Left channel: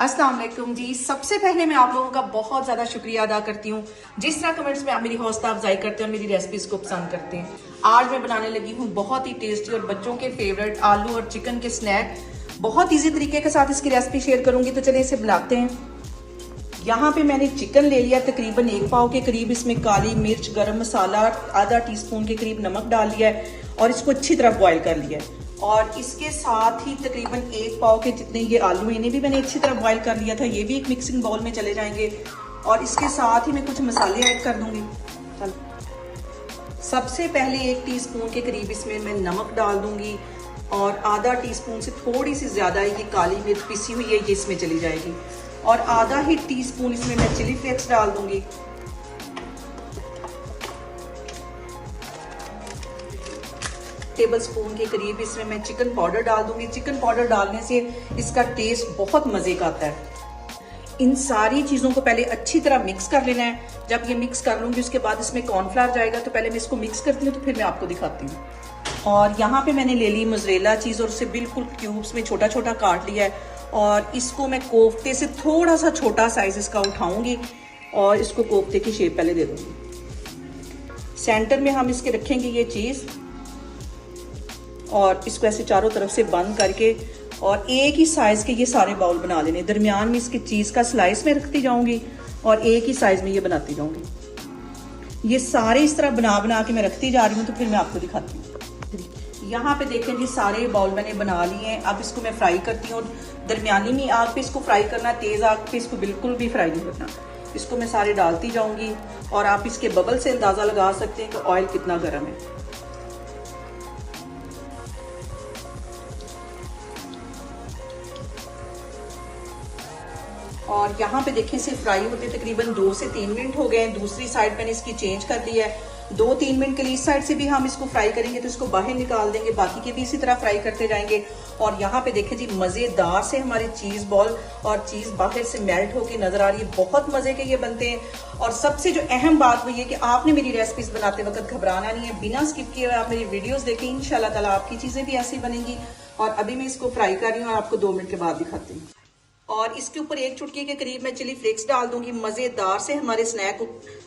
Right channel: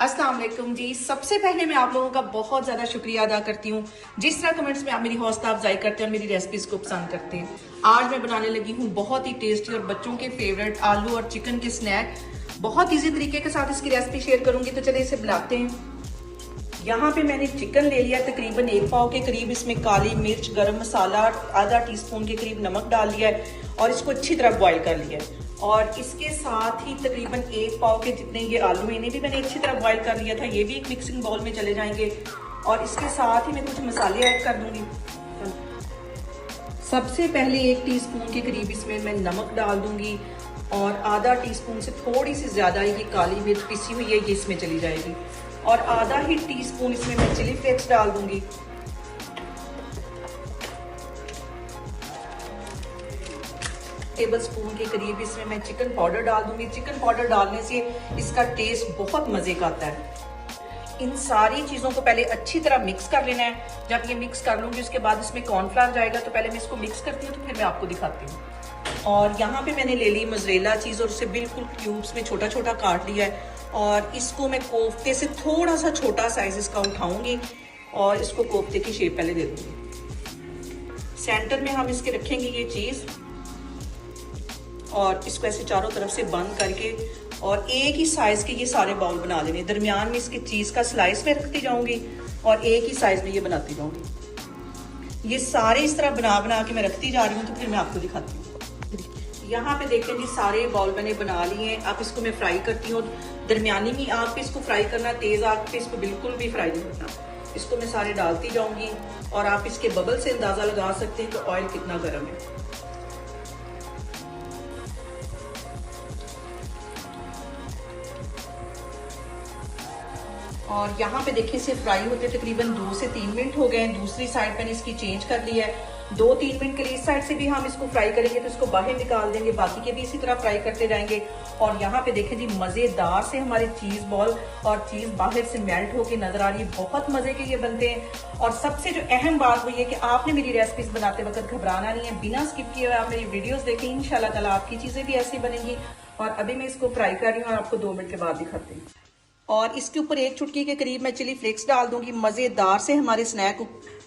अस्सलाम वालेकुम जी। सबसे पहले मैं आप लोगों का बहुत ज़्यादा शुक्रिया अदा करती हूँ जिस तरह कमेंट्स में आप मेरी हौसला अफजाई करते हैं और मेरी रेसिपीज़ को पसंद करते हैं। आज मैं बनाने लगी हूँ बहुत ही टेस्टी और बच्चों के फेवरेट आलू और चिकन के स्नैक। बहुत ईजी तरीके के साथ इसकी रेसिपी शेयर करूंगी, तो चलिए इसे बनाते हैं। यहाँ पे मैंने चिकन ले लिया तकरीबन 1 पाव के करीब। इसमें काली मिर्च, गरम मसाला, आधा टीस्पून के करीब नमक डाल दिया है और इसको अच्छी तरह बॉईल कर लिया है। और इसके साथ ही तकरीबन 1 पाव के जितने ये आलू, इन्हें भी मैंने अच्छी तरह बॉईल कर लिया था। ये भी एक मिक्सिंग बाउल में चले जाएंगे और इसके साथ ही मैं कुछ मसाले ऐड कर दूंगी। सबसे पहले 1 टीस्पून के करीब इसमें मैं नमक डाल दूंगी और आधा टीस्पून से थोड़ी सी ज्यादा ये काली मिर्च पिसी हुई है, ये इसमें चली जाएगी। और आधा ही टीस्पून इसमें मैं चिली फ्लेक्स डाल दूंगी। टेबल स्पून के करीब इसमें मैं चिकन पाउडर डाल दूंगी। चिकन पाउडर डालने से इसका टेस्ट बहुत मजे का आता है। इन सारी चीजों को पहले अच्छी तरह मिक्स कर लेना है। जब ये मिक्स कर लूंगी उसके बाद इसमें कॉर्नफ्लावर जाएगा, तो पहले मैं इसको मिक्स करती हूँ तो फिर मैं आपको दिखाती हूँ। और यहाँ पे मैंने ले ली मोज़रेला चीज और उसे बिल्कुल क्यूब्स में छोटा छोटा काट लिया है। और इसको मैं कोफ्ते से थोड़ा सा छोटा साइज इसका उठाऊंगी और इसको कोफ्ते की शेप पहले दे दूंगी। सेंटर में हम इसके रखेंगे ये चीज और इसको ऐसे चारों तरफ से बंद करके और एक ही साइज के ये सारे बाउल बना लेने। दरमियान में इसकी चीज का स्लाइस में रखती जाऊंगी और एक ही साइज में ये बनाती जाऊंगी। ये सारे इस तरह बना बना के मैं रखती जा रही हूँ, तो फिर मैं आपको दिखाती हूँ। यहाँ पे देखें जी, सारे बाउल मैंने बना लिए हैं। अब इसको मैं फ्राई करती हूँ। दरमियानी में आग पे इसको फ्राई करना, तेज आग पे इसको बिल्कुल भी फ्राई नहीं करना। इसको मैं सारे डालती जाऊंगी और आप इसके बबल से अंदाजा लगा सकते हैं कि ऑयल कितना गर्म है। और यहाँ पे देखिए इसे फ्राई होते तकरीबन 2 से 3 मिनट हो गए। दूसरी साइड मैंने इसकी चेंज कर दी है। 2-3 मिनट के लिए इस साइड से भी हम इसको फ्राई करेंगे तो इसको बाहर निकाल देंगे, बाकी के भी इसी तरह फ्राई करते जाएंगे। और यहाँ पे देखिए जी, मजेदार से हमारे चीज बॉल और चीज बाहर से मेल्ट होकर नजर आ रही है। बहुत मजे के ये बनते हैं। और सबसे जो अहम बात हुई है कि आपने मेरी रेसिपीज बनाते वक्त घबराना नहीं है, बिना स्किप किए आप मेरी वीडियोस देखें। इंशाल्लाह ताला आपकी चीजें भी ऐसी बनेंगी। और अभी मैं इसको फ्राई कर रही हूँ और आपको 2 मिनट के बाद दिखाती हूँ। और इसके ऊपर 1 चुटकी के करीब मैं चिली फ्लेक्स डाल दूंगी। मजेदार से हमारे स्नैक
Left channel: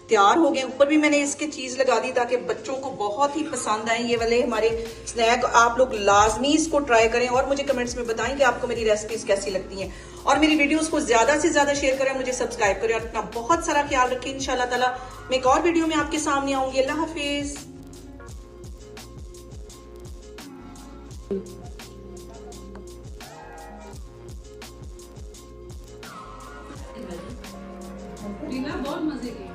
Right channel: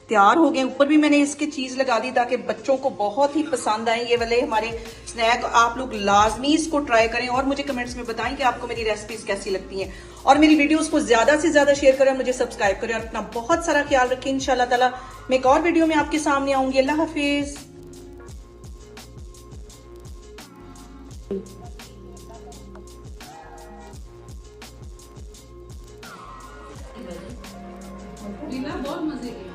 तैयार हो गए। ऊपर भी मैंने इसकी चीज लगा दी ताकि बच्चों को बहुत ही पसंद आए ये वाले हमारे स्नैक। आप लोग लाजमी इसको ट्राई करें और मुझे कमेंट्स में बताएं कि आपको मेरी रेसिपीज कैसी लगती हैं। और मेरी वीडियोस को ज्यादा से ज्यादा शेयर करें, मुझे सब्सक्राइब करें और अपना बहुत सारा ख्याल रखें। इंशाल्लाह ताला मैं एक और वीडियो में आपके सामने आऊंगी। अल्लाह हाफिज। बहुत मजे के